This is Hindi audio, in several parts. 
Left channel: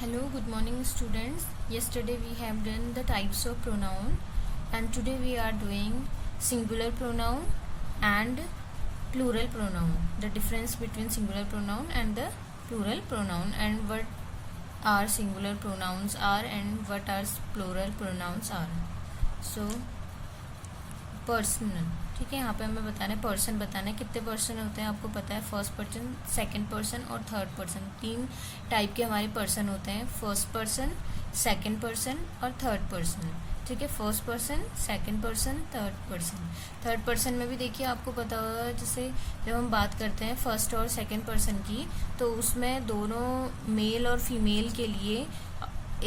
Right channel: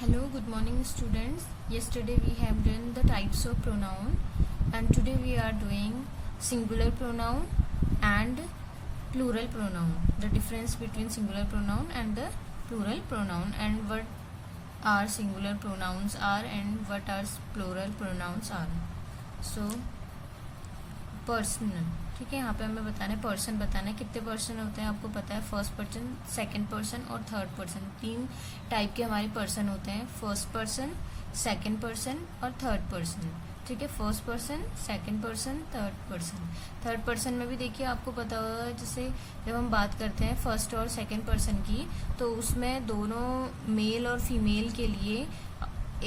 Hello, good morning students. Yesterday we have done the types of pronoun and today we are doing singular pronoun and plural pronoun. The difference between singular pronoun and the plural pronoun and what are singular pronouns are and what are plural pronouns are. So personal, ठीक है। यहाँ पे हमें बताना है पर्सन, बताना है कितने पर्सन होते हैं। आपको पता है फर्स्ट पर्सन, सेकंड पर्सन और थर्ड पर्सन, तीन टाइप के हमारे पर्सन होते हैं। फर्स्ट पर्सन, सेकंड पर्सन और थर्ड पर्सन, ठीक है। First person, second person, third person. Third person में भी देखिए आपको पता होगा, जैसे जब हम बात करते हैं फर्स्ट और सेकंड पर्सन की, तो उसमें दोनों मेल और फीमेल के लिए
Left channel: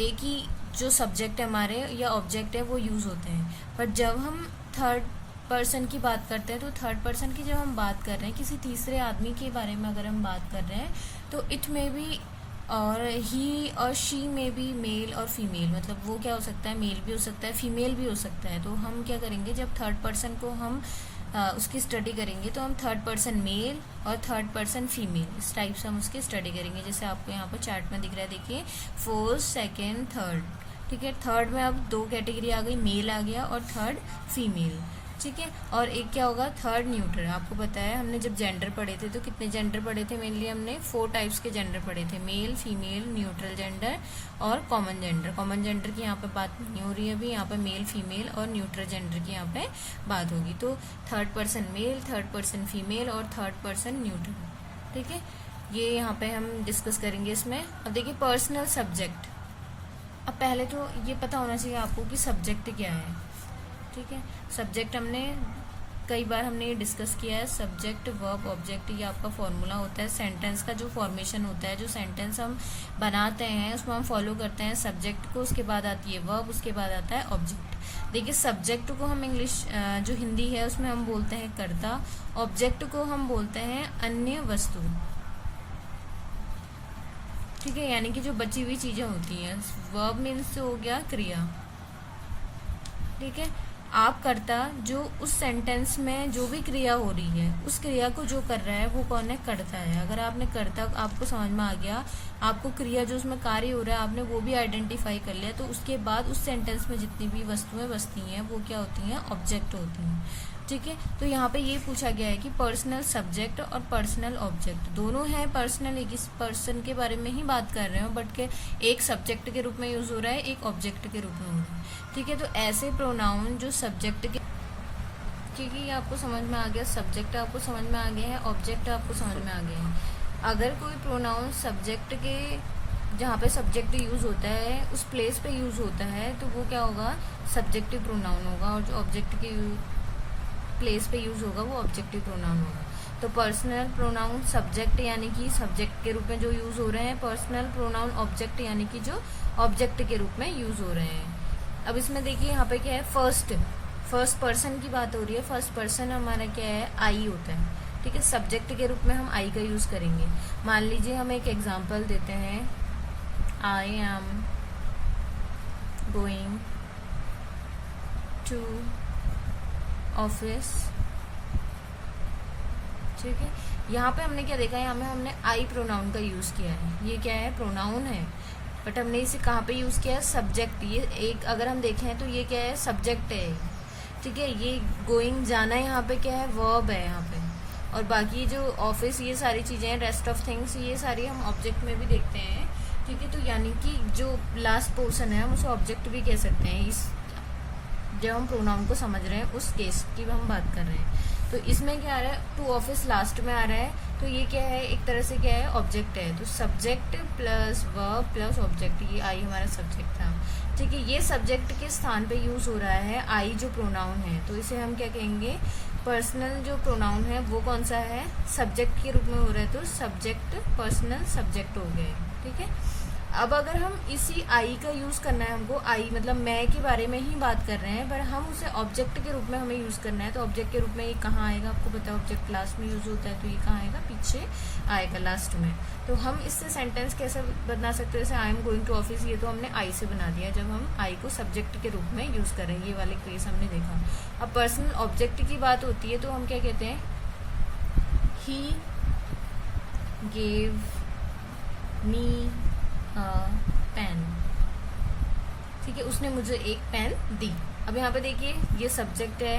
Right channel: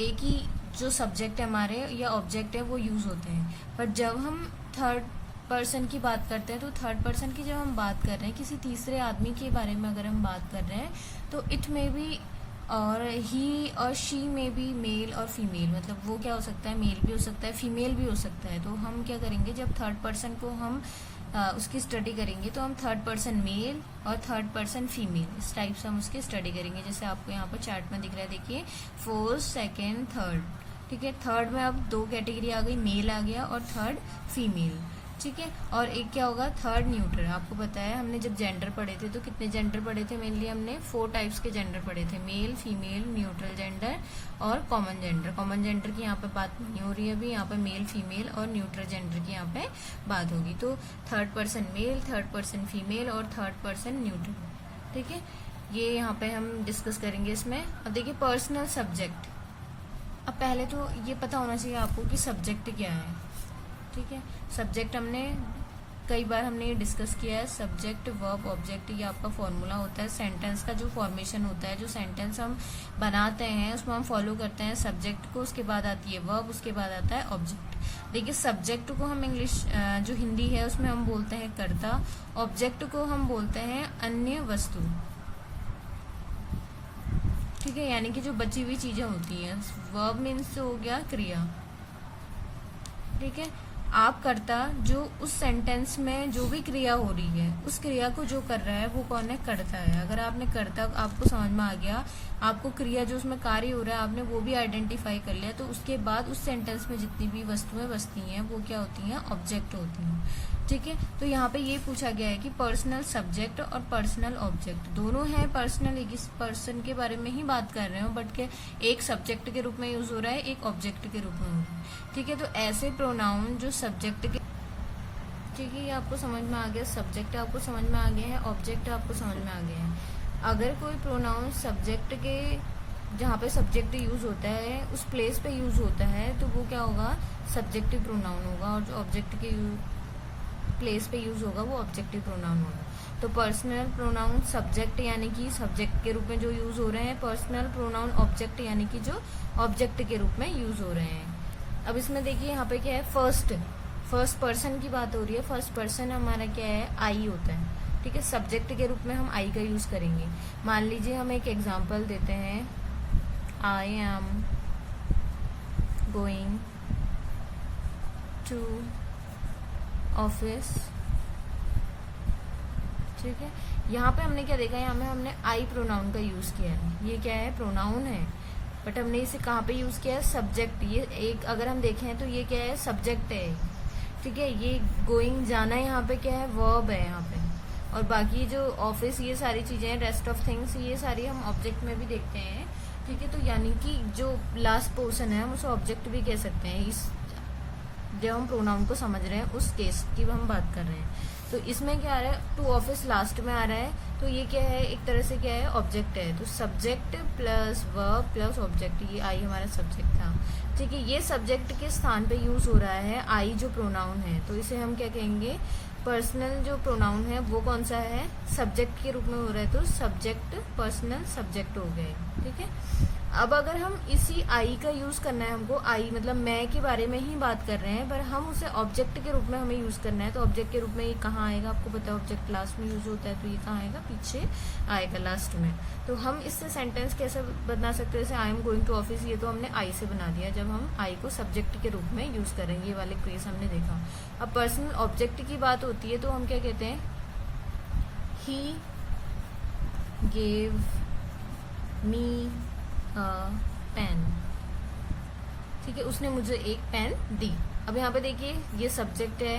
एक ही जो सब्जेक्ट है हमारे या ऑब्जेक्ट है वो यूज होते हैं। पर जब हम थर्ड पर्सन की बात करते हैं तो थर्ड पर्सन की जब हम बात कर रहे हैं, किसी तीसरे आदमी के बारे में अगर हम बात कर रहे हैं, तो इट में भी और ही और शी में भी मेल और फीमेल, मतलब वो क्या हो सकता है, मेल भी हो सकता है, फीमेल भी हो सकता है। तो हम क्या करेंगे, जब थर्ड पर्सन को हम उसकी स्टडी करेंगे तो हम थर्ड पर्सन मेल और थर्ड पर्सन फीमेल इस टाइप से हम उसकी स्टडी करेंगे। जैसे आपको यहाँ पर चार्ट में दिख रहा है, देखिए फर्स्ट, सेकेंड, थर्ड, ठीक है। थर्ड में अब दो कैटेगरी आ गई, मेल आ गया और थर्ड फीमेल, ठीक है। और एक क्या होगा, थर्ड न्यूट्रल। आपको पता है हमने जब जेंडर पढ़े थे तो कितने जेंडर पढ़े थे, मेनली हमने 4 टाइप्स के जेंडर पढ़े थे, मेल, फीमेल, न्यूट्रल जेंडर और कॉमन जेंडर। कॉमन जेंडर की यहाँ पे बात नहीं हो रही है अभी, यहाँ पे मेल, फीमेल और न्यूट्रल जेंडर की यहाँ पे बात होगी। तो third person male, third person female और थर्ड पर्सन न्यूट्रल, ठीक है। ये यहाँ पे हम डिस्कस करेंगे इसमें। अब देखिए पर्सनल सब्जेक्ट। अब पहले तो ये पता होना चाहिए आपको कि सब्जेक्ट क्या है, ठीक है। सब्जेक्ट हमने कई बार हमने डिस्कस किया है। सब्जेक्ट, वर्ब, ऑब्जेक्ट, ये आपका फॉर्मूला होता है। सेंटेंस का जो फॉर्मेशन होता है, जो सेंटेंस हम बनाते हैं उसमें हम फॉलो करते हैं सब्जेक्ट को, उसके बाद आती है वर्ब, उसके बाद आता है ऑब्जेक्ट। देखिए सब्जेक्ट को हम इंग्लिश जो हिंदी है उसमें हम बोलते हैं कर्ता, ऑब्जेक्ट को हम बोलते हैं अन्य वस्तु, ठीक है, यानी कि जो बची हुई चीजें होती हैं। वर्ब मीन्स हो गया क्रिया, ठीक है। आप कर्ता, जो उस सेंटेंस में जो भी क्रिया हो रही है उस क्रिया को जो कर रहा है वो कौन है, कर्ता है। अगर आपने कर्ता आपको समझ में आ गया, आपको क्रिया जो उसमें कार्य हो रहा है आपने वो भी आइडेंटिफाई कर लिया, तो उसके बाद उस सेंटेंस में जितनी भी वस्तुएं बसती हैं वो क्या होती हैं, ऑब्जेक्ट होती हैं, ठीक है। तो यहाँ पे ये पूछा गया है कि पर्सनल सब्जेक्ट और पर्सनल ऑब्जेक्ट दोनों हैं। पर्सनल एक इस पर्सन के बारे में ही बात कर रहे हो, बट के एक सब्जेक्ट के रूप में यूज हो रहा है, एक ऑब्जेक्ट के रूप में हो रहा है, ठीक है। तो ऐसे प्रोनाउन जो सब्जेक्ट के, ठीक है, ये आपको समझ में आ गया, सब्जेक्ट आपको समझ में आ गया है, ऑब्जेक्ट आपको समझ में आ गया है। अगर कोई प्रोनाउन सब्जेक्ट के, जहाँ पे सब्जेक्ट यूज होता है उस प्लेस पे यूज होता है, तो वो क्या होगा, सब्जेक्टिव प्रोनाउन होगा, और जो ऑब्जेक्ट के प्लेस पे यूज होगा वो ऑब्जेक्टिव प्रोनाउन होगा। तो पर्सनल प्रोनाउन सब्जेक्ट यानी कि सब्जेक्ट के रूप में जो यूज हो रहे हैं, पर्सनल प्रोनाउन ऑब्जेक्ट यानी कि जो ऑब्जेक्ट के रूप में यूज हो रहे हैं। अब इसमें देखिए यहाँ पे क्या है, फर्स्ट पर्सन की बात हो रही है। फर्स्ट पर्सन हमारा क्या है, आई होता है, ठीक है। सब्जेक्ट के रूप में हम आई का यूज करेंगे। मान लीजिए हम एक एग्जाम्पल देते हैं, I am going to office, ठीक है। यहाँ पे हमने क्या देखा है, यहाँ में हमने आई प्रोनाउन का यूज किया है। ये क्या है, प्रोनाउन है, बट हमने इसे कहाँ पे यूज किया है, सब्जेक्ट। ये एक अगर हम देखें तो ये क्या है, सब्जेक्ट है, ठीक है। ये गोइंग जाना है, यहाँ पे क्या है, वर्ब है यहाँ पे। और बाकी जो ऑफिस, ये सारी चीजें, रेस्ट ऑफ थिंग्स, ये सारी हम ऑब्जेक्ट में भी देखते हैं, ठीक है। तो यानी कि जो लास्ट पोर्शन है हम उसे ऑब्जेक्ट भी कह सकते हैं। इस जब हम प्रोनाउन को समझ रहे हैं उस केस की हम बात कर रहे हैं। तो इसमें क्या आ रहा है, टू ऑफिस लास्ट में आ रहा है, तो ये क्या है, एक तरह से क्या है, ऑब्जेक्ट है। तो subject plus verb plus object, ये आई हमारा सब्जेक्ट था, ठीक है। ये सब्जेक्ट के स्थान पे यूज हो रहा है आई जो प्रोनाउन है, तो इसे हम क्या कहेंगे, पर्सनल जो प्रोनाउन है वो कौन सा है, सब्जेक्ट के रूप में हो रहा है, तो सब्जेक्ट पर्सनल सब्जेक्ट हो गए, ठीक है। अब अगर हम इसी आई का यूज करना है हमको, आई मतलब मैं के बारे में ही बात कर रहे हैं, पर हम उसे ऑब्जेक्ट के रूप में हमें यूज करना है, तो ऑब्जेक्ट के रूप में ये कहाँ आएगा, आपको पता है ऑब्जेक्ट लास्ट में यूज होता है, तो ये कहाँ आएगा, पीछे आएगा लास्ट में। तो हम इससे सेंटेंस कैसे बना सकते हैं, जैसे I am going to office, ये तो हमने आई से बना दिया जब हम आई को सब्जेक्ट के रूप में यूज कर रहे हैं, ये वाले केस हमने देखा। अब पर्सनल ऑब्जेक्ट की बात होती है तो हम क्या कहते हैं, ही गेव मी पेन, ठीक है, उसने मुझे एक पेन दी। अब यहाँ पे देखिए ये सब्जेक्ट है,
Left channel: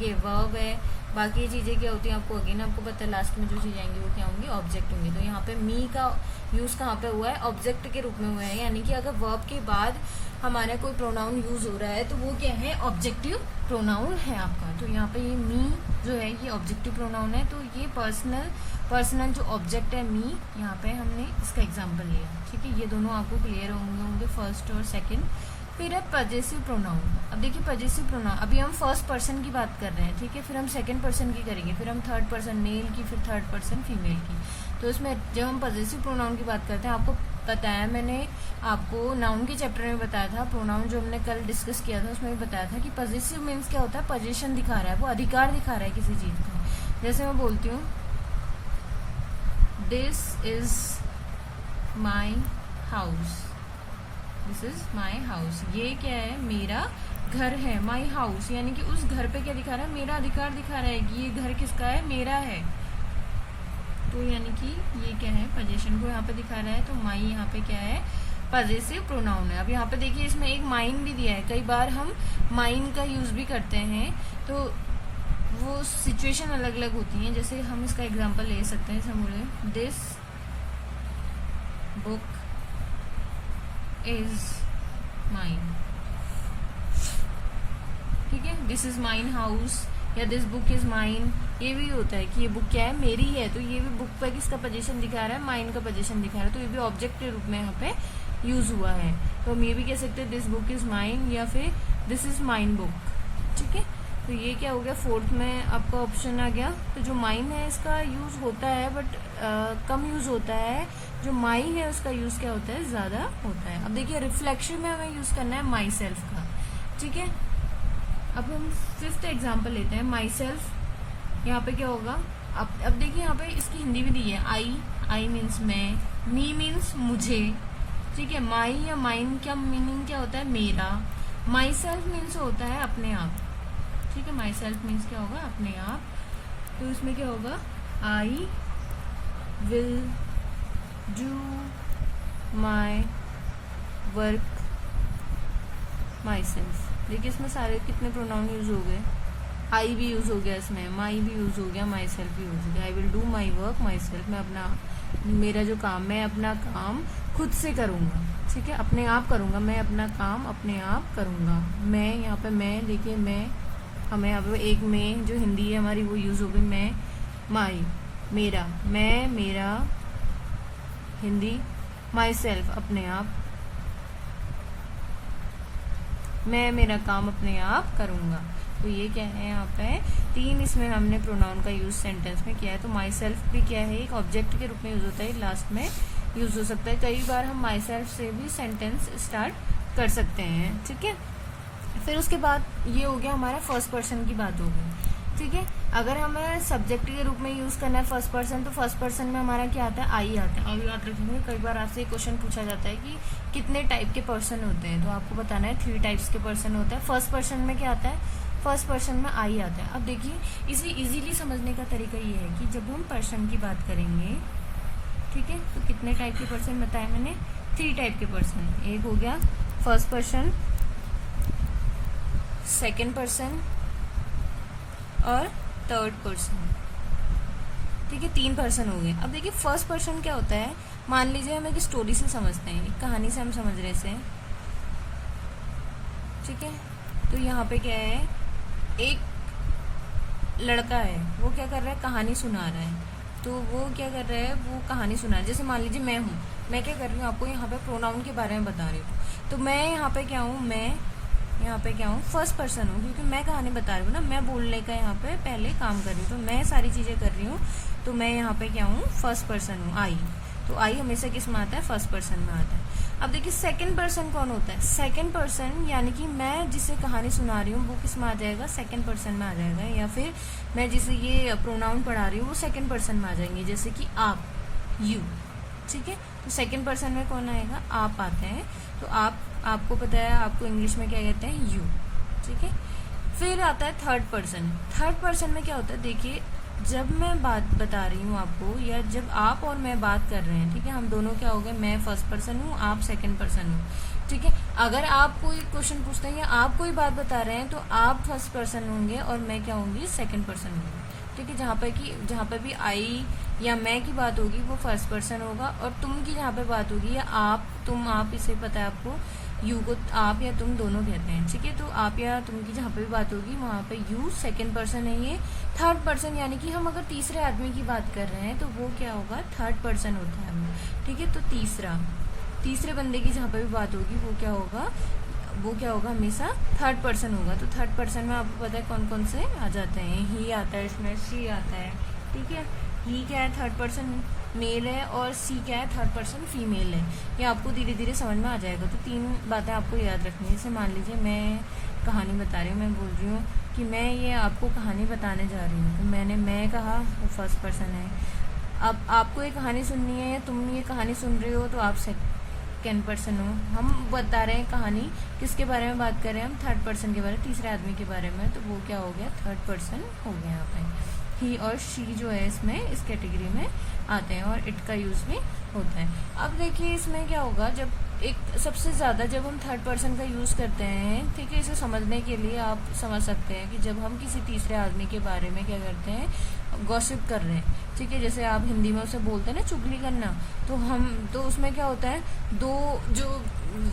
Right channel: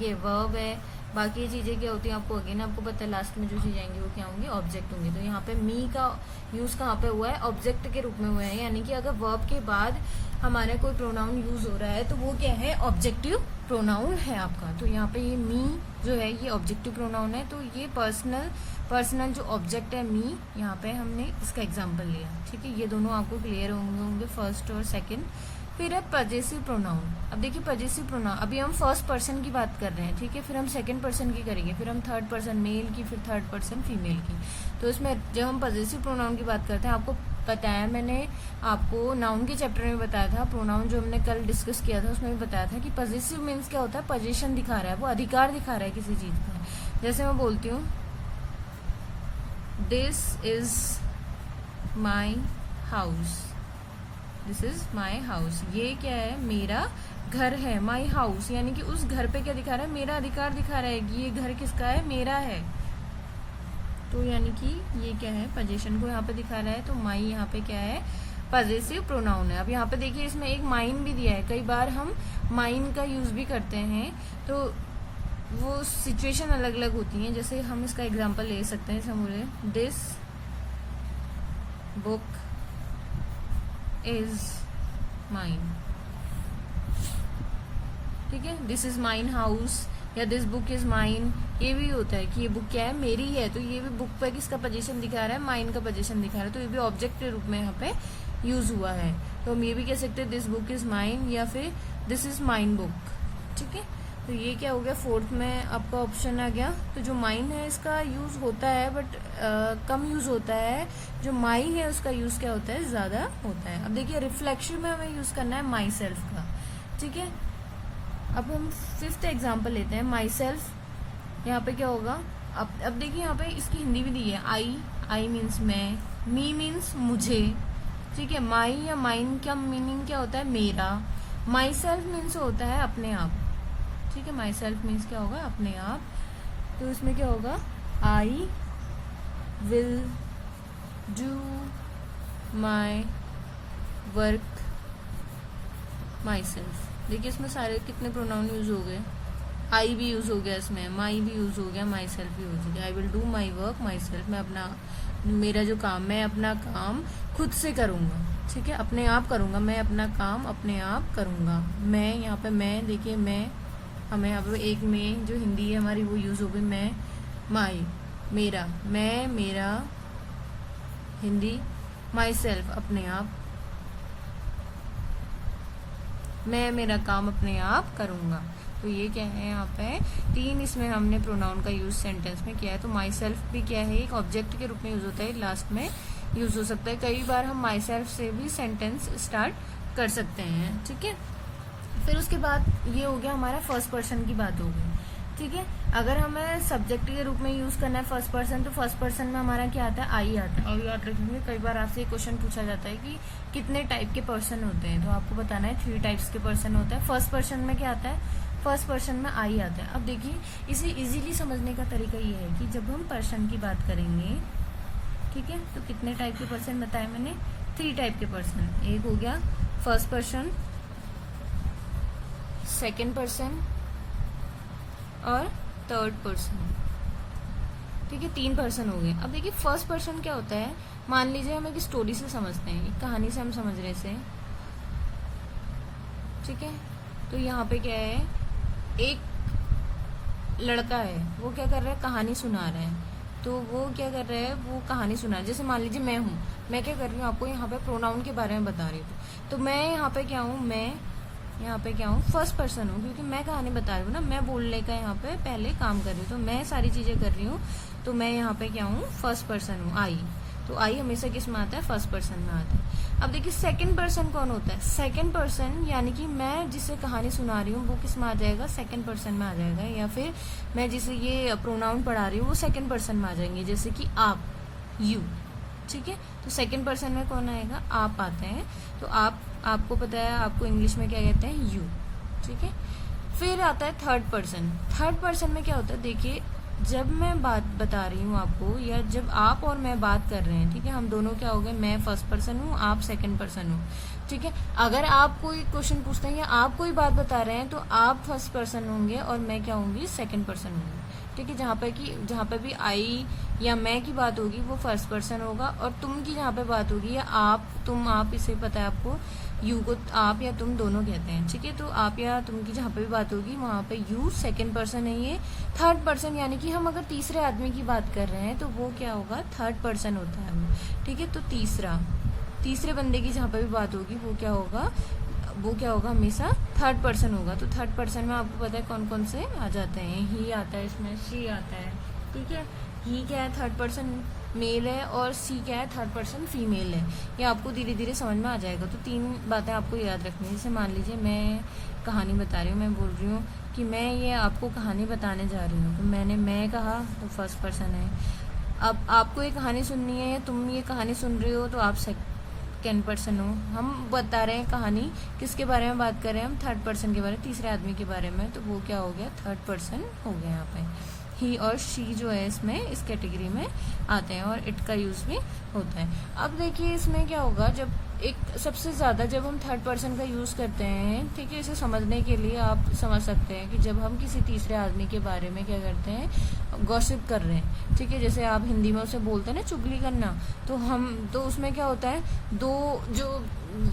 ये वर्ब है, बाकी चीजें क्या होती हैं आपको अगेन आपको पता है, लास्ट में जो चीजें आएंगी वो क्या होंगी, ऑब्जेक्ट होंगे। तो यहाँ पे मी का यूज कहाँ पे हुआ है, ऑब्जेक्ट के रूप में हुआ है, यानी कि अगर वर्ब के बाद हमारा कोई प्रोनाउन यूज हो रहा है तो वो क्या है, ऑब्जेक्टिव प्रोनाउन है आपका। तो यहाँ पे ये मी जो है ये ऑब्जेक्टिव प्रोनाउन है। तो ये पर्सनल जो ऑब्जेक्ट है मी, यहाँ पे हमने इसका एग्जाम्पल लिया, ठीक है। ये दोनों आपको क्लियर होंगे फर्स्ट और सेकेंड। फिर है पजेसिव प्रोनाउन। अब देखिए पजेसिव प्रोनाउन, अभी हम फर्स्ट पर्सन की बात कर रहे हैं, ठीक है, फिर हम सेकंड पर्सन की करेंगे, फिर हम थर्ड पर्सन मेल की, फिर थर्ड पर्सन फीमेल की। तो इसमें जब हम पजेसिव प्रोनाउन की बात करते हैं, आपको बताया मैंने, आपको नाउन के चैप्टर में बताया था, प्रोनाउन जो हमने कल डिस्कस किया था उसमें भी बताया था कि पजेसिव मीन्स क्या होता है, पोजीशन दिखा रहा है, वो अधिकार दिखा रहा है किसी चीज का। जैसे मैं बोलती हूँ this is my house, this is my house, ये क्या है, मेरा घर है। माई हाउस यानी कि उस घर पे क्या दिखा रहा है, मेरा अधिकार दिखा रहा है कि ये घर किसका है, मेरा है। तो यानी कि ये क्या है, पोजीशन को यहाँ पे दिखा रहा है। तो माई यहाँ पे क्या है, पजेसिव प्रोनाउन है। अब यहाँ पे देखिए इसमें एक माइन भी दिया है, कई बार हम माइन का यूज भी करते हैं, तो वो सिचुएशन अलग अलग होती है। जैसे हम इसका एग्जाम्पल ले सकते हैं, जैसे बोले दिस बुक इज माइन, ठीक है, दिस इज माइन हाउस या दिस बुक इज माइन, ये भी होता है कि ये बुक क्या है, मेरी है। तो ये भी बुक पर किसका पोजीशन दिखा रहा है, माइन का पोजीशन दिखा रहा है। तो ये भी ऑब्जेक्ट के रूप में यहाँ पे यूज हुआ है। तो हम ये भी कह सकते हैं दिस बुक इज माइन या फिर दिस इज माइन बुक, ठीक है। तो ये क्या हो गया, फोर्थ में आपका ऑप्शन आ गया। तो जो माइन है इसका यूज होता है बट कम यूज होता है, जो माई है उसका यूज क्या होता है, ज्यादा होता है। अब देखिए रिफ्लेक्शन में हमें यूज करना है माई सेल्फ का, ठीक है। अब हम फिफ्थ एग्जाम्पल लेते हैं, माई सेल्फ। यहाँ पे क्या होगा, अब देखिए यहाँ पे इसकी हिंदी भी दी है, आई मीन्स मैं, मी मीन्स मुझे, ठीक है। माई या माइन क्या मीनिंग क्या होता है, मेरा। माई सेल्फ मीन्स होता है अपने आप, ठीक है। माई सेल्फ मीन्स क्या होगा, अपने आप। तो इसमें क्या होगा, I will do my work my self. देखिए इसमें सारे कितने प्रोनाउन यूज हो गए, आई भी यूज हो गया इसमें, माई भी यूज हो गया, माई सेल्फ भी यूज हो गया। I will do my work my self, मैं अपना, मेरा जो काम, मैं अपना काम खुद से करूंगा, ठीक है, अपने आप करूंगा, मैं अपना काम अपने आप करूंगा। मैं, यहाँ पे मैं, देखिए मैं, हमें यहाँ पे एक में जो हिंदी है हमारी वो यूज हो गई, मैं, माई, मेरा, मैं, मेरा, हिंदी, माई सेल्फ, अपने आप, मैं मेरा काम अपने आप करूंगा। तो ये क्या है, यहाँ पे तीन इसमें हमने प्रोनाउन का यूज सेंटेंस में किया है। तो माई सेल्फ भी क्या है, एक ऑब्जेक्ट के रूप में यूज होता है, लास्ट में यूज हो सकता है। कई बार हम माई सेल्फ से भी सेंटेंस स्टार्ट कर सकते हैं, ठीक है। फिर उसके बाद ये हो गया हमारा फर्स्ट पर्सन की बात हो गई, ठीक है। अगर हमें सब्जेक्ट के रूप में यूज करना है फर्स्ट पर्सन, तो फर्स्ट पर्सन में हमारा क्या आता है, आई आता है। और याद रखेंगे कई बार आपसे क्वेश्चन पूछा जाता है कि कितने टाइप के पर्सन होते हैं, तो आपको बताना है 3 टाइप्स के पर्सन होता है। फर्स्ट पर्सन में क्या आता है, फर्स्ट पर्सन में आई आता है। अब देखिए इसे इजीली समझने का तरीका ये है कि जब हम पर्सन की बात करेंगे, ठीक है, तो कितने टाइप के पर्सन बताए मैंने, 3 टाइप के पर्सन। एक हो गया फर्स्ट पर्सन, सेकेंड पर्सन और थर्ड पर्सन, ठीक है, 3 पर्सन हो गए। अब देखिए फर्स्ट पर्सन क्या होता है, मान लीजिए हम एक स्टोरी से समझते हैं, एक कहानी से हम समझ रहे से, ठीक है। तो यहाँ पे क्या है, एक लड़का है, वो क्या कर रहा है, कहानी सुना रहा है। तो वो क्या कर रहा है, वो कहानी सुना रहा है। जैसे मान लीजिए मैं हूँ, मैं क्या कर रही हूँ, आपको यहाँ पे प्रोनाउन के बारे में बता रही हूँ। तो मैं यहाँ पे क्या हूँ, मैं यहाँ पे क्या हूँ, फर्स्ट पर्सन हूँ, क्योंकि मैं कहानी बता रही हूँ ना, मैं बोलने का यहाँ पे पहले काम कर रही हूँ, तो मैं सारी चीजें कर रही हूँ। तो मैं यहाँ पे क्या हूँ, फर्स्ट पर्सन हूँ, आई। तो आई हमेशा किस में आता है, फर्स्ट पर्सन में आता है। अब देखिए सेकंड पर्सन कौन होता है, सेकंड पर्सन यानी कि मैं जिसे कहानी सुना रही हूँ वो किस में आ जाएगा, सेकंड पर्सन में आ जाएगा। या फिर मैं जिसे ये प्रोनाउन पढ़ा रही हूँ वो सेकंड पर्सन में आ जाएंगे, जैसे कि आप, यू, ठीक है। तो सेकंड पर्सन में कौन आएगा, आप आते हैं। तो आपको पता है आपको इंग्लिश में क्या कहते हैं, यू, ठीक है। फिर आता है थर्ड पर्सन। थर्ड पर्सन में क्या होता है, देखिए जब मैं बात बता रही हूँ आपको, या जब आप और मैं बात कर रहे हैं, ठीक है, हम दोनों क्या हो गए, मैं फर्स्ट पर्सन हूँ, आप सेकंड पर्सन हो, ठीक है। अगर आप कोई क्वेश्चन पूछते हैं या आप कोई बात बता रहे हैं तो आप फर्स्ट पर्सन होंगे और मैं क्या होंगी, सेकंड पर्सन होंगी, ठीक है। जहाँ पे भी आई या मैं की बात होगी वो फर्स्ट पर्सन होगा, और तुम की जहाँ पे बात होगी या आप, तुम, आप, इसे पता है आपको, यू को आप या तुम दोनों कहते हैं, ठीक है। तो आप या तुम की जहाँ पे भी बात होगी वहाँ पे यू सेकंड पर्सन है, ये थर्ड पर्सन, यानी कि हम अगर तीसरे आदमी की बात कर रहे हैं तो वो क्या होगा, थर्ड पर्सन होता है, ठीक है। तो तीसरे बंदे की जहाँ पे भी बात होगी वो क्या होगा हमेशा थर्ड पर्सन होगा। तो थर्ड पर्सन में आपको पता है कौन कौन से आ जाते हैं, ही आता है, इसमें शी आता है, ठीक है। ही क्या है, थर्ड पर्सन मेल है, और सी क्या है, थर्ड पर्सन फीमेल है। ये आपको धीरे धीरे समझ में आ जाएगा। तो 3 बातें आपको याद रखनी है। जैसे मान लीजिए मैं कहानी बता रही हूँ, मैं बोल रही हूँ कि मैं ये आपको कहानी बताने जा रही हूँ, तो मैं कहा, वो फर्स्ट पर्सन है। अब आपको ये कहानी सुननी है, या तुम ये कहानी सुन रहे हो, तो आप सेकंड पर्सन हो। हम बता रहे हैं कहानी, किसके बारे में बात कर रहे हैं हम, थर्ड पर्सन के बारे में, तीसरे आदमी के बारे में, तो वो क्या हो गया, थर्ड पर्सन हो गया यहाँ पे। ही और शी जो है इसमें इस कैटेगरी में आते हैं, और इट का यूज भी होता है। अब देखिए इसमें क्या होगा, जब एक सबसे ज्यादा जब हम थर्ड पर्सन का यूज करते हैं, ठीक है, इसे समझने के लिए आप समझ सकते हैं कि जब हम किसी तीसरे आदमी के बारे में क्या करते हैं, गॉसिप कर रहे हैं, ठीक है। जैसे आप हिंदी में उसे बोलते हैं ना, चुगली करना, तो उसमें क्या होता है, दो जो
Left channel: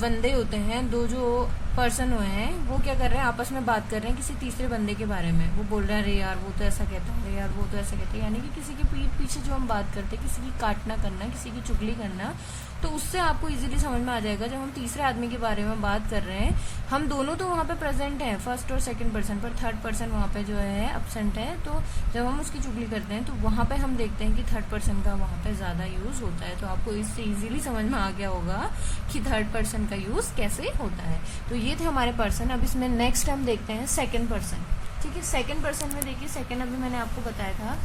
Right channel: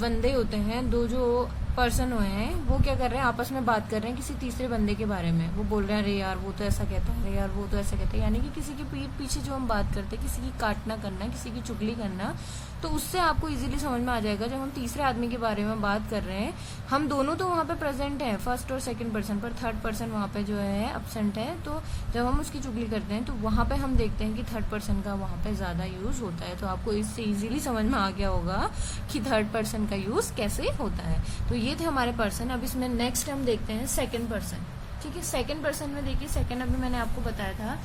बंदे होते हैं, दो जो पर्सन हुए हैं, वो क्या कर रहे हैं, आपस में बात कर रहे हैं किसी तीसरे बंदे के बारे में। वो बोल रहे हैं, अरे यार वो तो ऐसा कहता है, अरे यार वो तो ऐसा कहता है, यानी कि किसी की पीठ पीछे जो हम बात करते हैं, किसी की काटना करना, किसी की चुगली करना, तो उससे आपको इजीली समझ में आ जाएगा जब हम तीसरे आदमी के बारे में बात कर रहे हैं, हम दोनों तो वहाँ पे प्रेजेंट हैं, फर्स्ट और सेकंड पर्सन, पर थर्ड पर्सन वहाँ पे जो है एब्सेंट है। तो जब हम उसकी चुगली करते हैं तो वहाँ पे हम देखते हैं कि थर्ड पर्सन का वहाँ पे ज्यादा यूज होता है। तो आपको इससे इजीली समझ में आ गया होगा कि थर्ड पर्सन का यूज कैसे होता है। तो ये थे हमारे पर्सन। अब इसमें नेक्स्ट हम देखते हैं सेकेंड पर्सन, ठीक है। सेकेंड पर्सन में देखिए, सेकेंड अभी मैंने आपको बताया था,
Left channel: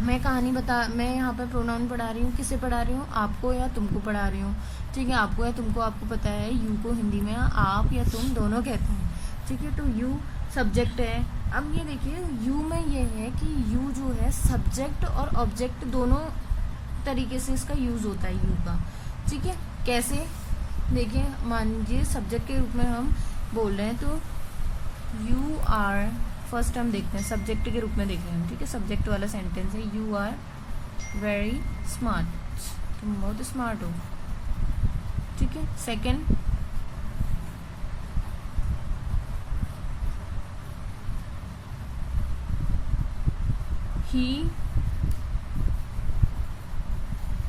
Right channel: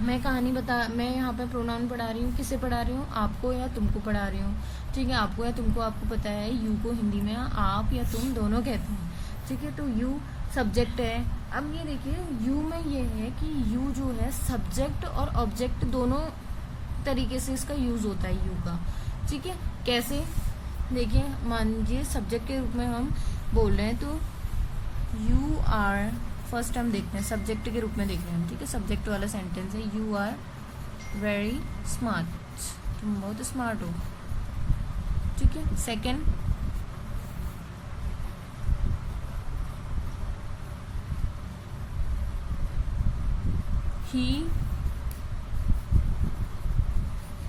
मैं यहाँ पे प्रोनाउन पढ़ा रही हूँ, किसे पढ़ा रही हूँ, आपको या तुमको पढ़ा रही हूँ, ठीक है। आपको या तुमको आपको पता है, यू को हिंदी में आप या तुम दोनों कहते हैं, ठीक है। तो यू सब्जेक्ट है। अब ये देखिए, यू में ये है कि यू जो है सब्जेक्ट और ऑब्जेक्ट दोनों तरीके से इसका यूज होता है यू का, ठीक है। कैसे, देखिए, मान लीजिए सब्जेक्ट के रूप में हम बोल रहे हैं, तो यू आर, फर्स्ट हम देखते हैं सब्जेक्ट के रूप में देख रहे हैं, ठीक है। सब्जेक्ट वाला सेंटेंस है, यू आर वेरी स्मार्ट, तुम बहुत स्मार्ट हो, ठीक है। सेकेंड, ही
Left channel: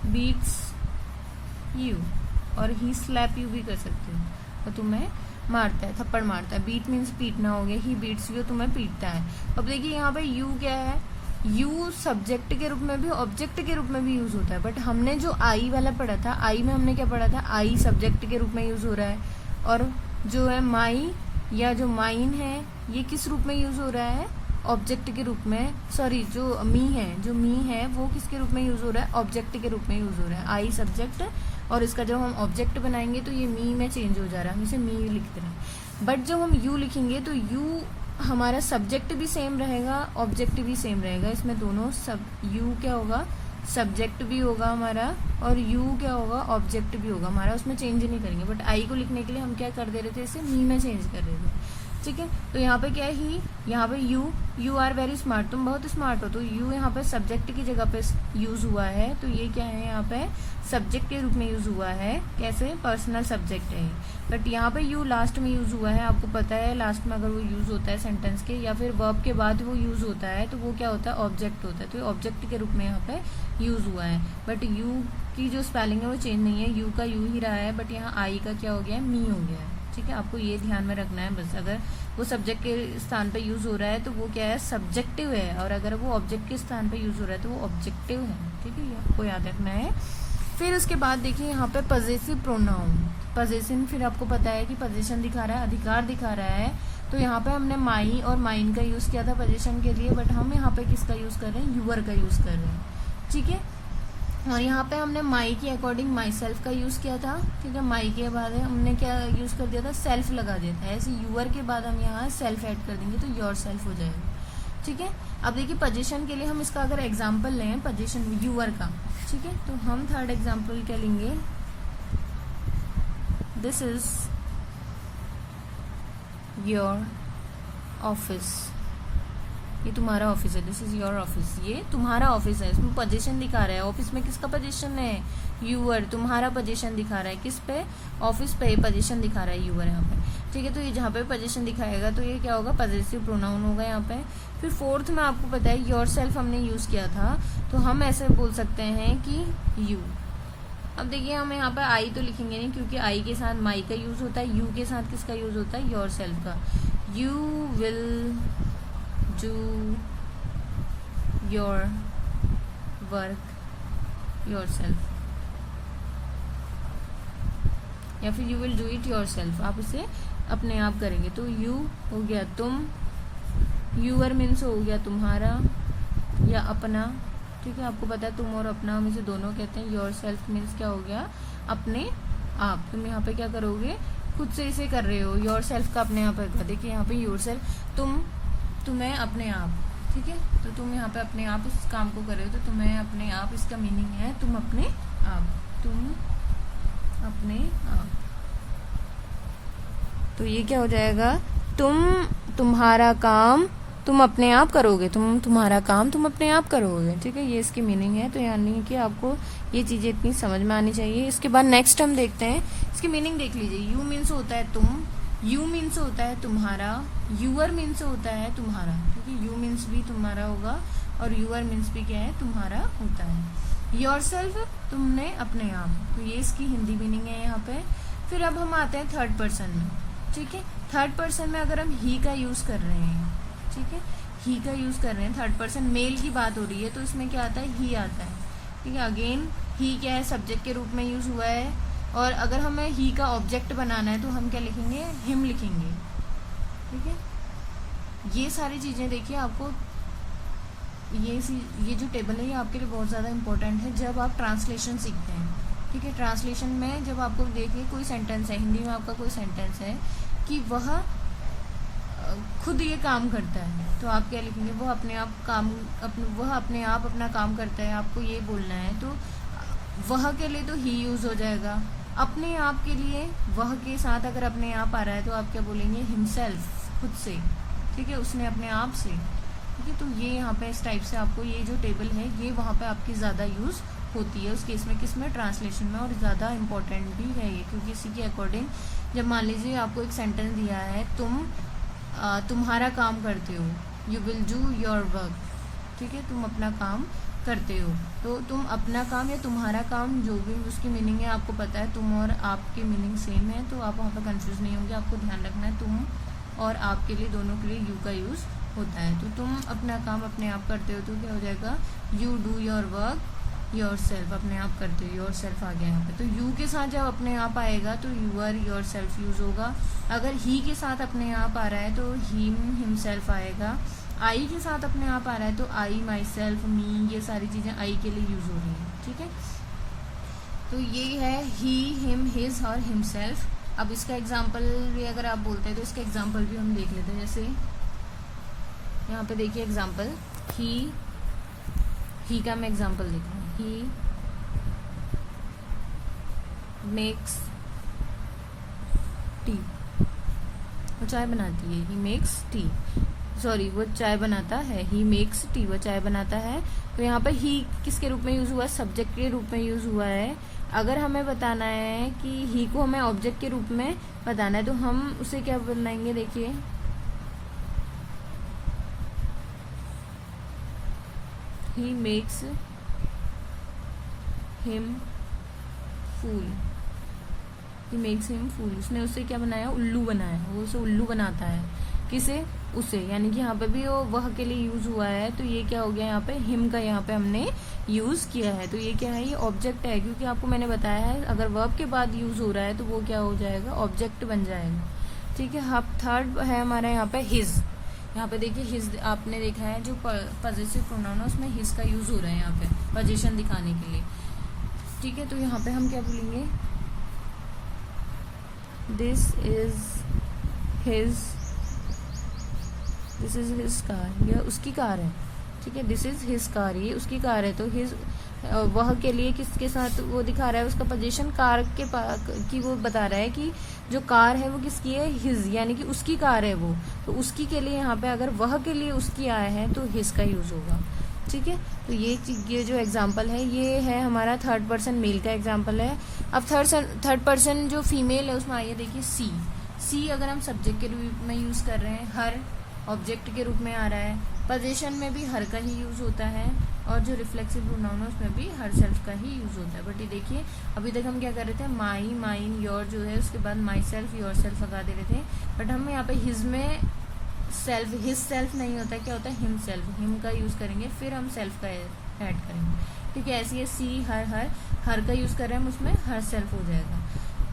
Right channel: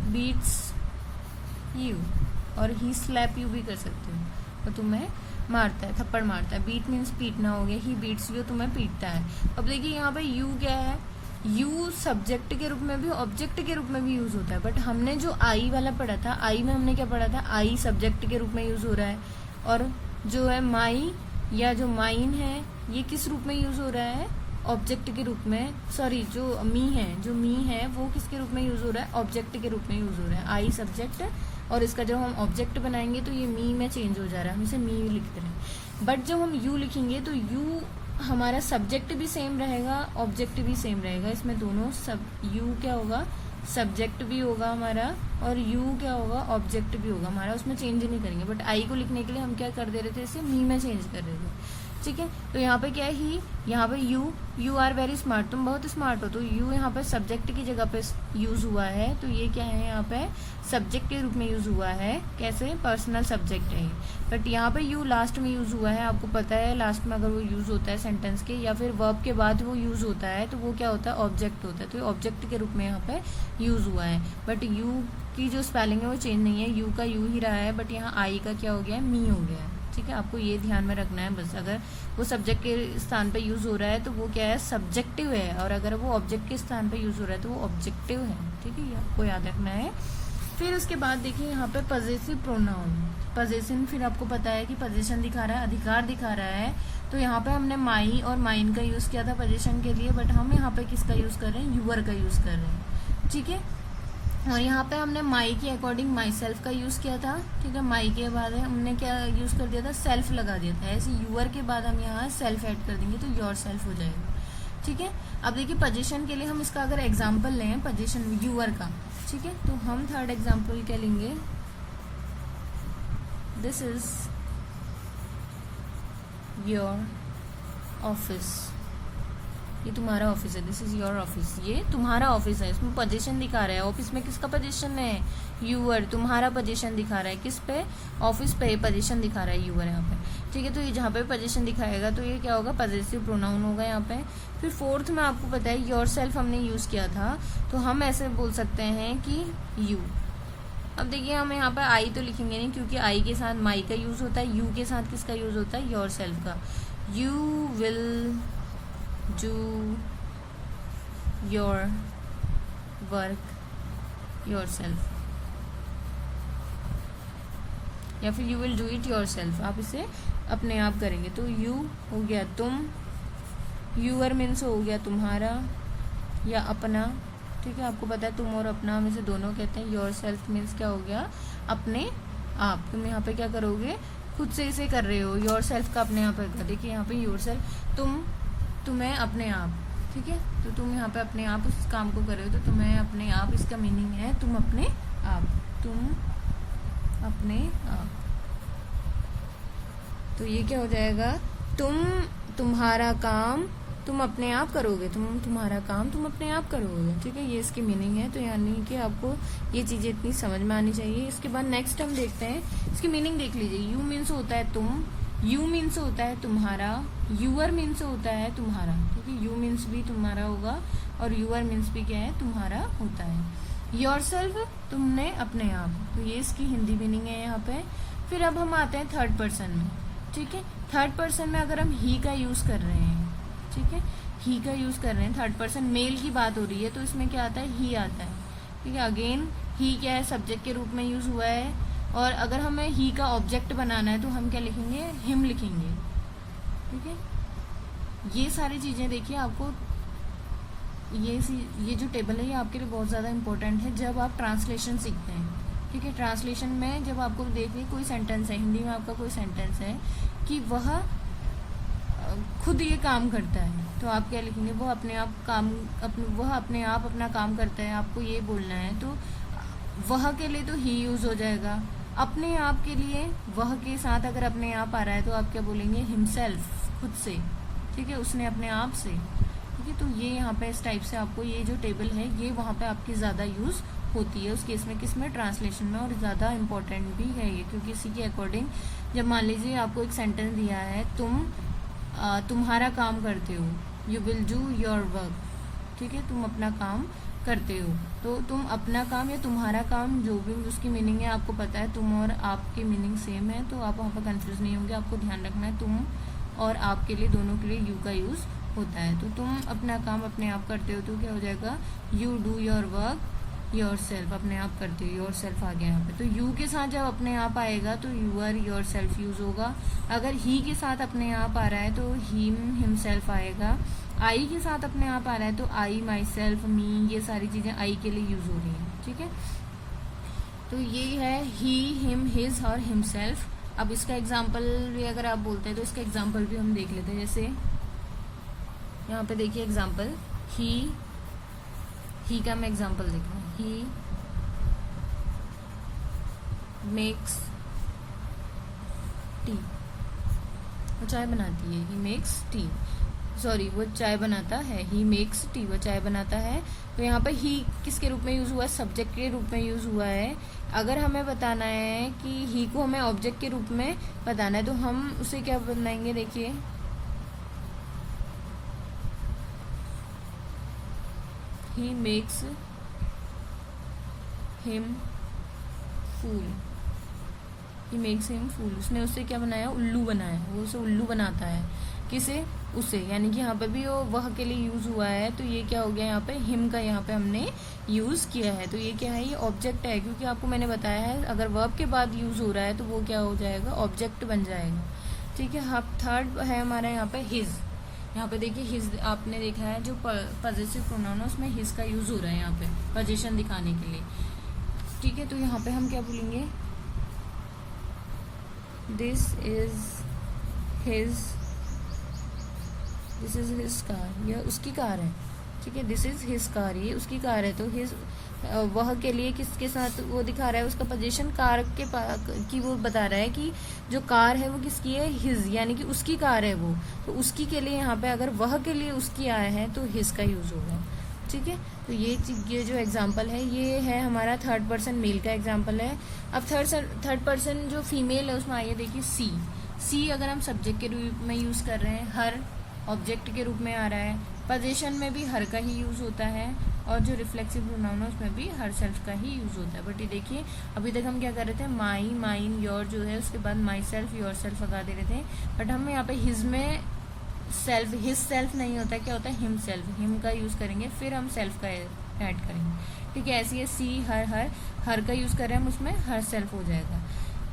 बीट्स यू, और ही स्लैप यू भी कर सकते हो, तो तुम्हें मारता है, थप्पड़ मारता है। बीट मीन्स पीटना हो गया, ही बीट्स यू, तुम्हें पीटता है। अब देखिए यहाँ पे यू क्या है, यू सब्जेक्ट के रूप में भी ऑब्जेक्ट के रूप में भी यूज होता है, बट हमने जो आई वाला पढ़ा था, आई में हमने क्या पढ़ा था, आई सब्जेक्ट के रूप में यूज हो रहा है, और जो है माई या जो माइन है, ये किस रूप में यूज हो रहा है, ऑब्जेक्ट के रूप में, सॉरी, जो मी है वो किसके रूप में यूज हो रहा है, ऑब्जेक्ट के रूप में यूज हो रहा है। आई सब्जेक्ट, और इसका जब हम ऑब्जेक्ट बनाएंगे तो ये मी में चेंज हो जा रहा है, हम इसे मी लिखते हैं। बट जब हम यू लिखेंगे तो यू हमारा सब्जेक्ट भी सेम रहेगा, ऑब्जेक्ट भी सेम रहेगा, इसमें दोनों यू क्या होगा, सब्जेक्ट भी होगा हमारा, और यू क्या होगा, ऑब्जेक्ट भी होगा हमारा, उसमें चेंज ही नहीं करेंगे। बट आई को लिखने के लिए हम क्या कर दे रहे थे, इसे मी में चेंज कर रहे थे, ठीक है। तो यहाँ पे क्या है, ही, यहाँ पे यू आर वेरी स्मार्ट, तुम बहुत स्मार्ट हो, तो यू यहाँ पे सब्जेक्ट की जगह पे यूज हुआ है, तो ये क्या है, यहाँ पे सब्जेक्ट के रूप में यूज हुआ है। कैसे, पर्सनल सब्जेक्ट है। बट यहाँ पे यू लास्ट में यूज हुआ है, आपको पता है लास्ट में अगर वो यूज होता है सेंटेंस के या फिर वर्ब के बाद वो यूज होता है, तो वो क्या होता है, ऑब्जेक्ट होता है। तो ये ऑब्जेक्ट के रूप में यहाँ पे यूज हुआ है। बट यू की जो स्पेलिंग है वो चेंज नहीं है, यू का यू ही रहा है, बट यहाँ आई का क्या हो गया है, मी हो गया है, ठीक है। आपको ये ध्यान में रखना है बस, अगर वो सब्जेक्ट के स्थान पे यूज हो रहा है तो वो क्या है, सब्जेक्टिव है, और अगर वो ऑब्जेक्ट के स्थान पे यूज हो रहा है तो वो ऑब्जेक्टिव है, ठीक है। ये आपको याद रखना है। फिर उसके बाद देखिए यहाँ पे पजेसिव प्रोनाउन, पजेशन, फिर आपको पता है कि पोजीशन दिखा रहा है, अधिकार दिखा रहा है, तो यहाँ पे हमने माई और माइन का यूज किया था पोजीशन के लिए, बट हम यहाँ पे किसका यूज कर रहे हैं, यूअर का यूज कर रहे हैं, ठीक है। और यहाँ पे हमने माई के अकॉर्डिंग माई सेल्फ का यूज किया था, ठीक है। माई के बाद हमने क्या यूज कर दिया था, सेल्फ लगा दिया था। ऐसे यूअर के बाद हम यहाँ सेल्फ ऐड कर देंगे तो योर सेल्फ हो जाएगा, ठीक है। अब देखिए पोजीशन के लिए हम इसका अगर एग्जाम्पल लें पोजीशन यूअर का, ठीक है, तो हम थर्ड एग्जाम्पल क्या लेंगे, दिस इज योर ऑफिस, ये तुम्हारा ऑफिस है, दिस इज योर ऑफिस, ये तुम्हारा ऑफिस है, इसमें पोजीशन दिखा रहा है, ऑफिस में किसका पोजीशन है, यूअर, तुम्हारा पोजीशन दिखा रहा है, किस पे, ऑफिस पे पोजीशन दिखा रहा है यूअर यहाँ पे, ठीक है। तो ये जहाँ पे पोजीशन दिखाएगा तो ये क्या होगा, पॉजेसिव प्रोनाउन होगा यहाँ पे। फिर फोर्थ में आपको पता है योरसेल्फ हमने यूज किया था, तो हम ऐसे बोल सकते हैं कि यू। अब देखिए हम यहाँ पे आई तो लिखेंगे नहीं, क्योंकि आई के साथ माई का यूज होता है, यू के साथ किसका यूज होता है, योरसेल्फ का। You will do your work yourself, या फिर you will do it yourself, आप इसे अपने आप करेंगे। तो यू हो गया तुम, यूअर मीन्स हो गया तुम्हारा या अपना, ठीक है। आपको पता है तुम और अपना में से दोनों कहते हैं। योरसेल्फ मीन्स क्या हो गया, अपने आप। तुम यहाँ पे क्या करोगे, खुद से इसे कर रहे हो, योरसेल्फ का अपने आप होगा। देखिए यहाँ पे योरसेल्फ, तुम्हें अपने आप, ठीक है। तो तुम यहाँ पे अपने आप उस काम को कर रहे हो, तो तुम्हें अपने आप, इसका मीनिंग है तुम अपने आप, तुम अपने आप। तो ये क्या हो जाएगा, तुम्हारा काम तुम अपने आप करोगे, तुम्हारा काम तुम अपने आप करोगे, ठीक है। ये इसकी मीनिंग है। तो यानी कि आपको ये चीजें इतनी समझ में आनी चाहिए। इसके बाद नेक्स्ट हम देखते हैं, इसकी मीनिंग देख लीजिए। यू मीन्स होता है तुम, यू मीन्स होता है तुम्हारा, यूअर मीन्स होता है तुम्हारा, ठीक है। यू मीन्स भी तुम्हारा होगा और यूअर मीन्स भी क्या है, तुम्हारा होता है। योरसेल्फ तुमने अपने आप, तो ये इसकी हिंदी मीनिंग है यहाँ पे। फिर अब हम आते हैं थर्ड पर्सन में, ठीक है। थर्ड पर्सन में अगर हम ही का यूज कर रहे हैं, ठीक है, ही का यूज कर रहे हैं, थर्ड पर्सन मेल की बात हो रही है, तो इसमें क्या आता है, ही आता है, ठीक है। अगेन ही क्या है, सब्जेक्ट के रूप में यूज हुआ है। और अगर हमें ही का ऑब्जेक्ट बनाना है तो हम क्या लिखेंगे, हिम लिखेंगे, ठीक है। ये सारी चीजें देखिए आपको, ये जो टेबल है ये आपके लिए बहुत ज्यादा इंपॉर्टेंट है जब आप ट्रांसलेशन सीखते हैं, ठीक है। ट्रांसलेशन में जब आपको देखिए कोई सेंटेंस है, हिंदी में आपका कोई सेंटेंस है कि वह खुद ये काम करता है, तो आप क्या लिखेंगे, वो अपने आप काम, वह अपने आप अपना काम करता है, आपको ये बोलना है। तो वह के लिए तो ही यूज हो जाएगा, अपने आप के लिए वह के साथ अगर अपने आप आ रहा है तो आप क्या बोलेंगे, हिमसेल्फ, खुद से, ठीक है, उसने अपने आप से, ठीक है। तो ये यहाँ पे इस टाइप से आपको ये जो टेबल है ये वहाँ पे आपकी ज्यादा यूज होती है उस केस में, किसमें, ट्रांसलेशन में। और ज्यादा इम्पोर्टेंट भी है ये, क्योंकि इसी के अकॉर्डिंग जब मान लीजिए आपको एक सेंटेंस दिया है, तुम्हारा काम करते हो, you will do your work, ठीक है, तुम अपना काम करते हो। तो तुम अपना काम या तुम्हारा काम, जो भी उसकी मीनिंग है आपको पता है, तुम और आपकी मीनिंग सेम है, तो आप वहाँ पर कंफ्यूज नहीं होंगे। आपको ध्यान रखना है तुम और आपके लिए, दोनों के लिए यू का यूज होता है। तो तुम अपना काम अपने आप करते हो तो क्या हो जाएगा, you do your work yourself, अपने आप करते हो, योरसेल्फ आ गया यहाँ पे। तो यू के साथ जब अपने आप आएगा तो यूअर योरसेल्फ यूज होगा। अगर ही के साथ अपने आप आ रहा है तो हिमसेल्फ आएगा। आई के साथ अपने आप आ रहा है तो आई, माई सेल्फ, मी, ये सारी चीजें आई के लिए यूज हो रही हैं, ठीक है। तो ये है ही, हिम, हिज और हिमसेल्फ। अब इसका एग्जाम्पल भी अगर आप बोलते हैं तो इसका एग्जाम्पल भी हम देख लेते हैं। जैसे यहाँ पे देखिए एग्जाम्पल, ही का मैं एग्जाम्पल देख रहा हूँ, ही मेक्स टी, वो चाय बनाती है, ही मेक्स टी, सॉरी वो चाय बनाता है, ही मेक्स टी, वो चाय बनाता है। तो यहाँ पे ही किसके रूप में यूज हुआ है, सब्जेक्ट के रूप में यूज हुआ है। अगर हमें बताना है कि ही को हमें ऑब्जेक्ट के रूप में बताना है तो हम उसे क्या बनाएंगे, देखिए he makes him fool, he makes him fool, उसने उससे क्या बनाया, उल्लू बनाया, वो उसे उल्लू बनाता है, किसे, उसे, यानी कि यहाँ पे भी वो वह के लिए यूज हुआ है। तो ये क्या हो गया, यहाँ पे हिम का यहाँ पे हमने यूज किया है। तो ये क्या है, ये ऑब्जेक्ट है, क्योंकि आपको मैंने बताया है अगर वर्ब के बाद यूज हो रहा है तो वो क्या हो जाएगा, ऑब्जेक्ट बन जाएगा, ठीक है। थर्ड है हमारा यहाँ पे हिज। यहाँ पे देखिए हिज आपने देखा है जो पॉजिटिव प्रोनाउन है उसमें हिज का यूज हो रहा है यहाँ पे पोजीशन दिखाने के लिए, ठीक है। तो यहाँ पे हम क्या बोलेंगे, this is his this is his car, यह उसकी कार है, ठीक है। दिस इज हिज कार, ये उसकी कार है। तो हिज वह के लिए किसके साथ वो दिखा रहा है, उसका पोजीशन कार के की वो बता रहा है कि जो कार है वो किसकी है, हिज, यानी कि उसकी कार है वो। तो उसकी के लिए यहाँ पे अगर वह के लिए उसकी आया है तो हिज का यूज होगा, ठीक है। तो ये जो एग्जाम्पल है ये है हमारा थर्ड पर्सन मेल का एग्जाम्पल है। अब थर्ड पर्सन जो फीमेल है उसमें आइए देखिए सी अगर हम सब्जेक्ट के रूप में यूज कर रहे हैं, हर ऑब्जेक्ट के रूप में आ रहा है, पोजीशन में भी हर का ही यूज होता है, और जो रिफ्लेक्सिव प्रोनाउन है उसमें भी हर सेल्फ का ही यूज होता है। बट ये देखिए अभी तक हम क्या कर रहे थे, माई, माइन, योर जो है उसके बाद माई सेल्फ, योर सेल्फ लगा दे रहे थे। बट हम यहाँ पे हिज में सेल्फ, हिज सेल्फ नहीं होता है, क्या होता है हिम सेल्फ, हिम का यूज करेंगे फिर हम सेल्फ का ऐड करेंगे, ठीक है। ऐसे ही सी हर का यूज कर रहे हैं हम, उसमें हर सेल्फ हो जाएगा।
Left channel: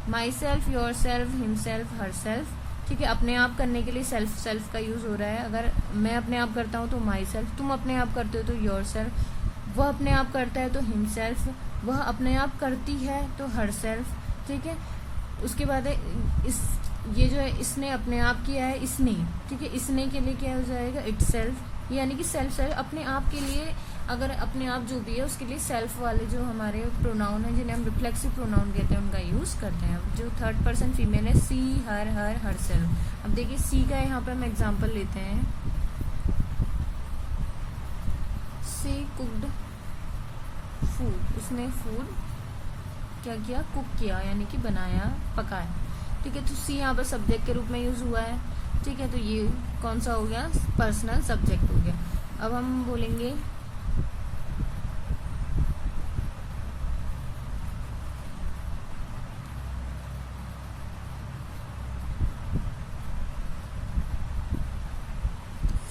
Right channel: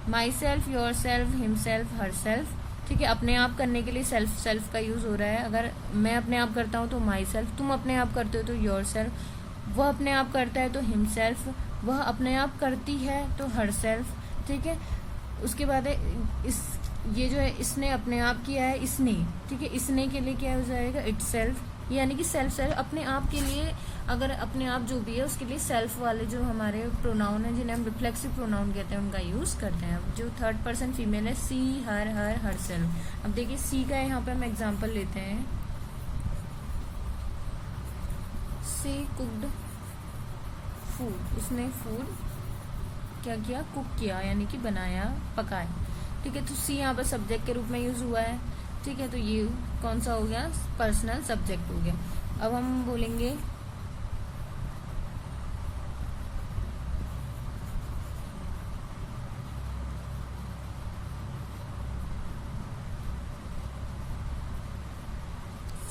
My self, your self, him self, her self, ठीक है। अपने आप करने के लिए सेल्फ का यूज हो रहा है। अगर मैं अपने आप करता हूँ तो माई सेल्फ, तुम अपने आप करते हो तो योर सेल्फ, वह अपने आप करता है तो हिम सेल्फ, वह अपने आप करती है तो हर सेल्फ, ठीक है। उसके बाद है ये जो है इसने अपने आप किया है, इसने, ठीक है। इसने के लिए क्या हो जाएगा, इट सेल्फ, यानी कि सेल्फ अपने आप के लिए, अगर अपने आप जो भी है उसके लिए सेल्फ वाले जो हमारे प्रोनाउन है जिन्हें हम रिफ्लेक्सिव प्रोनाउन कहते हैं उनका यूज करते हैं। अब जो थर्ड पर्सन फीमेल है सी, हर सेल्फ। अब देखिए सी का यहाँ पर हम एग्जांपल लेते हैं, सी कुक्ड फूड, उसने फूड क्या किया, कुक किया, यानी कि बनाया, पकाया, ठीक है। तो सी यहाँ पर सब्जेक्ट के रूप में यूज हुआ है, ठीक है। तो ये कौन सा हो गया, पर्सनल सब्जेक्ट हो गया। अब हम बोलेंगे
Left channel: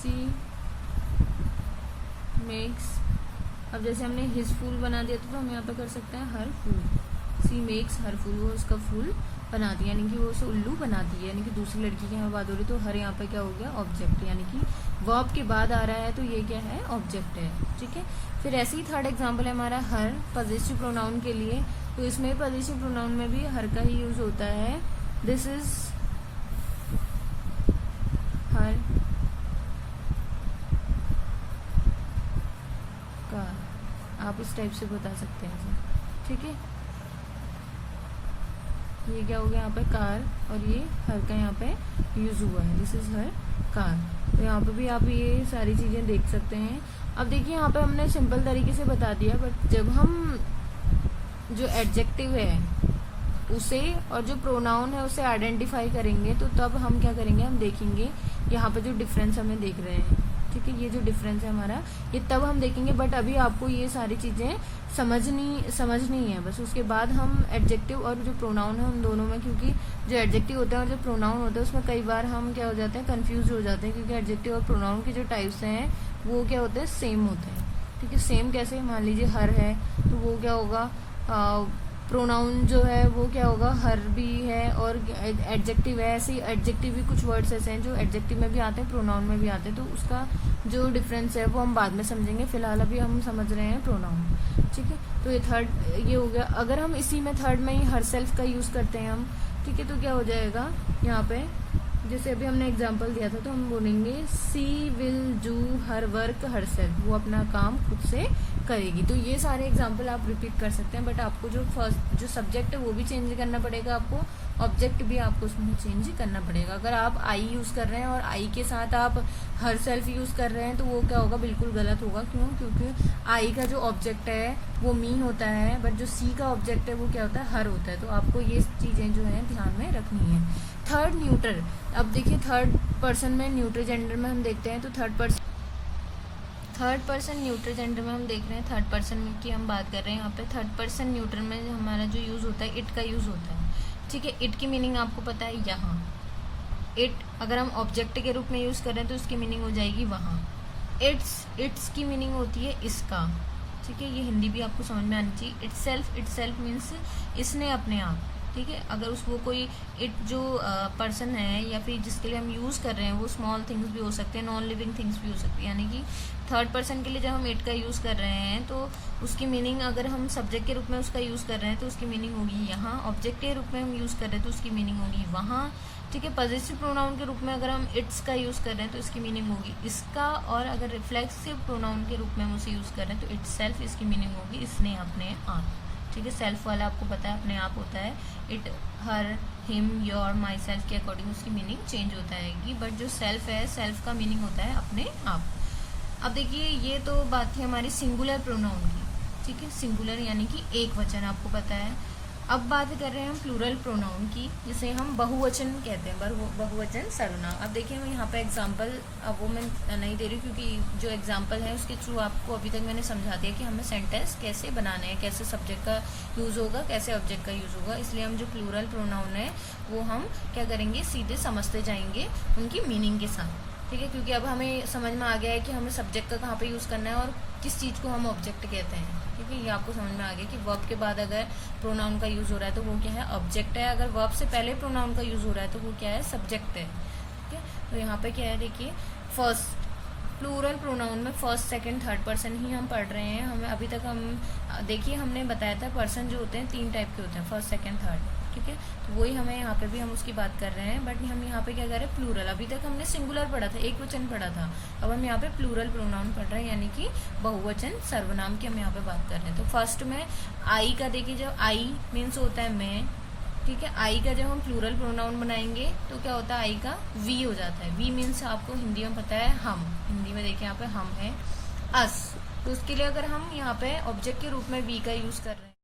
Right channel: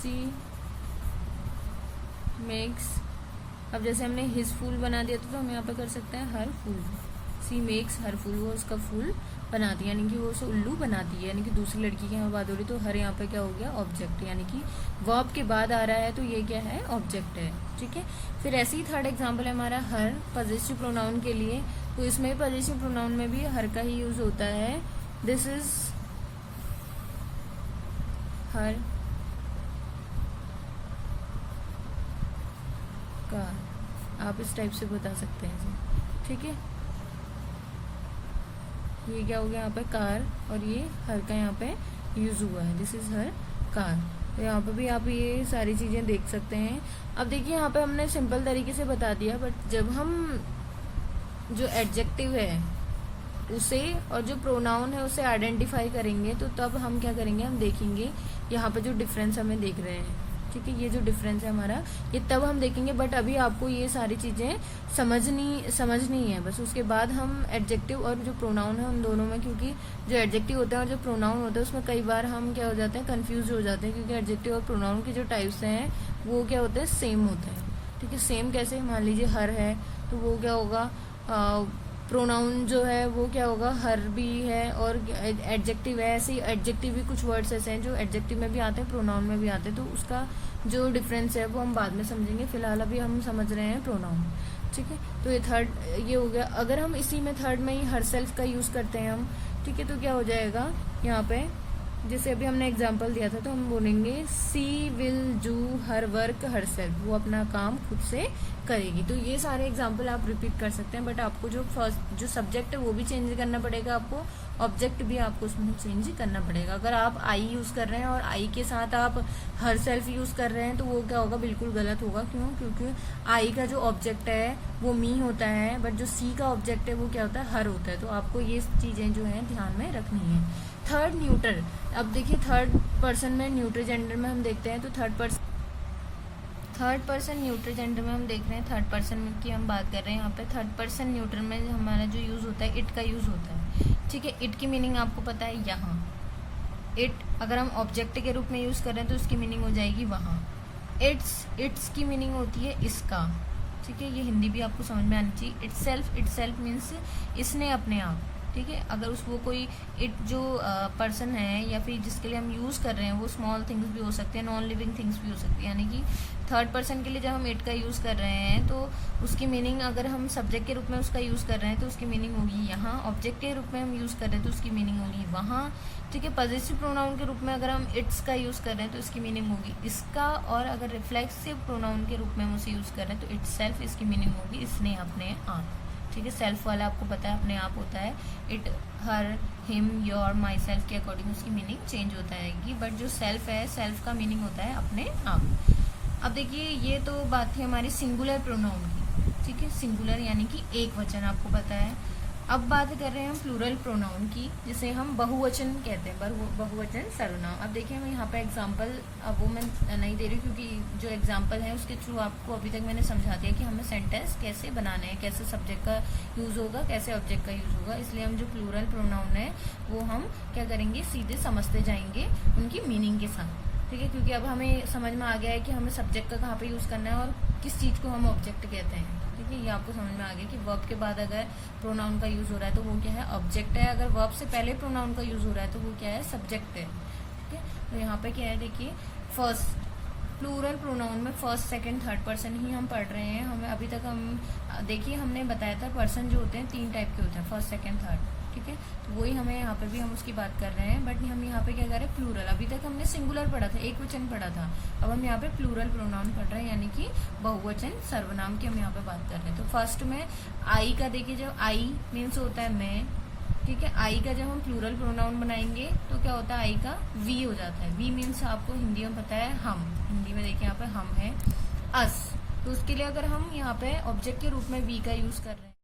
सी मेक्स, अब जैसे हमने हिज फूल बना दिया तो हम यहाँ पे कर सकते हैं हर फूल, सी मेक्स हर फूल, वो उसका फूल बनाती है, यानी कि वो उसे उल्लू बनाती है, यानी कि दूसरी लड़की की यहाँ बात हो रही। तो हर यहाँ पे क्या हो गया, ऑब्जेक्ट, यानी कि वर्ब के बाद आ रहा है तो ये क्या है, ऑब्जेक्ट है, ठीक है। फिर ऐसे ही थर्ड एग्जांपल है हमारा हर पॉजिटिव प्रोनाउन के लिए। तो इसमें पॉजिटिव प्रोनाउन में भी हर का ही यूज होता है। दिस इज हर कार, आप इस टाइप से बता सकते हैं, ठीक है। ये क्या हो गया यहाँ पे कार, और ये हर का यहाँ पे यूज हुआ है, दिस इज हर कार। तो यहाँ पे भी आप ये सारी चीजें देख सकते हैं। अब देखिए यहाँ पे हमने सिंपल तरीके से बता दिया, बट जब हम जो एडजेक्टिव है उसे और जो प्रोनाउन है उसे आइडेंटिफाई करेंगे तो तब हम क्या करेंगे, हम देखेंगे यहाँ पे जो डिफरेंस हमें देख रहे हैं, ठीक है। ये जो डिफरेंस है हमारा ये तब हम देखेंगे, बट अभी आपको ये सारी चीजें समझनी है बस। उसके बाद हम एडजेक्टिव और जो प्रोनाउन है उन दोनों में, क्योंकि जो एडजेक्टिव होता है और जो प्रोनाउन होता है उसमें कई बार हम क्या हो जाते हैं, कंफ्यूज हो जाते हैं, क्योंकि एडजेक्टिव और प्रोनाउन के जो टाइप्स हैं वो क्या होते हैं, सेम होते हैं, ठीक है। सेम कैसे, मान लीजिए हर है तो वो क्या होगा, प्रोनाउन जो है वो क्या होगा, हर भी है, और एडजेक्टिव है, ऐसे ही एडजेक्टिव भी कुछ वर्ड्स ऐसे हैं जो एडजेक्टिव में भी आते हैं, प्रोनाउन में भी आते हैं। तो उसका जो डिफरेंस है वो हम बाद में समझेंगे, फिलहाल अभी हम समझ रहे हैं प्रोनाउन, ठीक है। तो ये थर्ड ये हो गया। अगर हम इसी में थर्ड में ही हर सेल्फ का यूज करते हैं हम, ठीक है, तो क्या हो जाएगा यहाँ पे, जैसे अभी हमने एग्जाम्पल दिया था तो हम बोलेंगे she will do her work herself, वो अपना काम खुद से करेगी। तो ये सारे एग्जाम्पल आप रिपीट कर सकते हैं, बट आपको जो सब्जेक्ट है वो भी चेंज करना पड़ेगा, आपको ऑब्जेक्ट भी आपको उसमें चेंज करना पड़ेगा। अगर आप आई यूज कर रहे हैं और आई के साथ आप हर सेल्फ यूज कर रहे हैं तो वो क्या होगा, बिल्कुल गलत होगा। क्यों, क्योंकि आई का जो ऑब्जेक्ट है वो मी होता है, बट जो सी का ऑब्जेक्ट है वो क्या होता है, हर होता है। तो आपको ये चीजें जो है ध्यान में रखनी है। थर्ड न्यूट्रल, अब देखिए थर्ड पर्सन में न्यूट्रल जेंडर में हम देखते हैं तो थर्ड पर्सन न्यूट्रल जेंडर में हम देख रहे हैं, थर्ड पर्सन की हम बात कर रहे हैं। यहाँ पे थर्ड पर्सन न्यूट्रल में हमारा जो यूज होता है इट का यूज होता है, ठीक है। इट की मीनिंग आपको पता है, यहाँ इट अगर हम ऑब्जेक्ट के रूप में यूज कर रहे हैं तो उसकी मीनिंग हो जाएगी वहाँ। इट्स की मीनिंग होती है इसका, ठीक है। ये हिंदी भी आपको समझ में आनी चाहिए। इट सेल्फ मीन्स इसने अपने आप, ठीक है। अगर वो कोई इट जो पर्सन है या फिर जिसके लिए हम यूज़ कर रहे हैं वो स्मॉल थिंग्स भी हो सकते हैं, नॉन लिविंग थिंग्स भी हो सकती है। यानी कि थर्ड पर्सन के लिए जब हम इट का यूज़ कर रहे हैं तो उसकी मीनिंग, अगर हम सब्जेक्ट के रूप में उसका यूज़ कर रहे हैं तो उसकी मीनिंग होगी यहाँ, ऑब्जेक्ट के रूप में हम यूज़ कर रहे हैं तो उसकी मीनिंग होगी वहाँ, ठीक है। पॉजिटिव प्रोनाउन के रूप में अगर हम इट्स का यूज़ कर रहे हैं तो इसकी मीनिंग होगी इसका, और अगर रिफ्लेक्सिव प्रोनाउन के रूप में हम उसे यूज़ कर रहे हैं तो इट्स सेल्फ, इसकी मीनिंग होगी इसने, अपने आप, ठीक है। सेल्फ वाला आपको पता है अपने आप होता है, it, her, him, your, my self के अकॉर्डिंग उसकी मीनिंग चेंज होता है। बट जो सेल्फ है, सेल्फ का मीनिंग होता है अपने आप। अब देखिए ये तो बात थी हमारी सिंगुलर प्रोनाउन की, ठीक है। सिंगुलर यानी कि एक वचन, आपको पता है। अब बात कर रहे हैं हम प्लूरल प्रोनाउन की, जिसे हम बहुवचन कहते हैं, बहुवचन सर्वनाम। अब देखिए मैं यहाँ पे एग्जांपल, अब वो मैं नहीं दे रही क्योंकि जो एग्जांपल है उसके थ्रू आपको अभी तक मैंने समझा दिया कि हमें सेंटेंस कैसे बनाने हैं, कैसे सब्जेक्ट का यूज होगा, कैसे ऑब्जेक्ट का यूज होगा। इसलिए हम जो प्लूरल प्रोनाउन है वो हम क्या करेंगे, सीधे समझते जाएंगे उनकी मीनिंग के साथ, ठीक है। क्योंकि अब हमें समझ में आ गया है कि हमें सब्जेक्ट का कहाँ पे यूज करना है और किस चीज को हम ऑब्जेक्ट कहते हैं, ठीक है। ये आपको समझ में आ गया कि वर्ब के बाद अगर प्रोनाउन का यूज हो रहा है तो वो क्या है, ऑब्जेक्ट है। अगर वर्ब से पहले प्रोनाउन का यूज हो रहा है तो वो क्या है, सब्जेक्ट है, ठीक है। तो यहाँ पे क्या है, देखिए फर्स्ट प्लूरल प्रोनाउन में फर्स्ट, सेकंड, थर्ड पर्सन ही हम पढ़ रहे हैं। हमें अभी तक हम देखिए हमने बताया था पर्सन जो होते हैं 3 टाइप के होते हैं, फर्स्ट, सेकंड, थर्ड, ठीक है। तो वही हमें यहाँ पे भी हम उसकी बात कर रहे हैं, बट हम यहाँ पे क्या कर रहे हैं, प्लूरल। अभी तक हमने सिंगुलर पढ़ा था, एक वचन पढ़ा था, अब हम यहाँ पे प्लूरल प्रोनाउन पढ़ रहे हैं, यानी कि बहुवचन सर्वनाम की हम यहाँ पे बात कर रहे हैं। तो फर्स्ट में आई का देखिए, जब आई मीन्स होता है मैं, ठीक है। आई का जब हम प्लूरल प्रोनाउन बनाएंगे तो क्या होता है, आई का वी हो जाता है। वी मीन्स आपको हिंदी में पता है हम, हिंदी में देखिए यहाँ पे हम है, अस। तो उसके लिए अगर हम यहाँ पे ऑब्जेक्ट के रूप में वी का यूज कर रहे हैं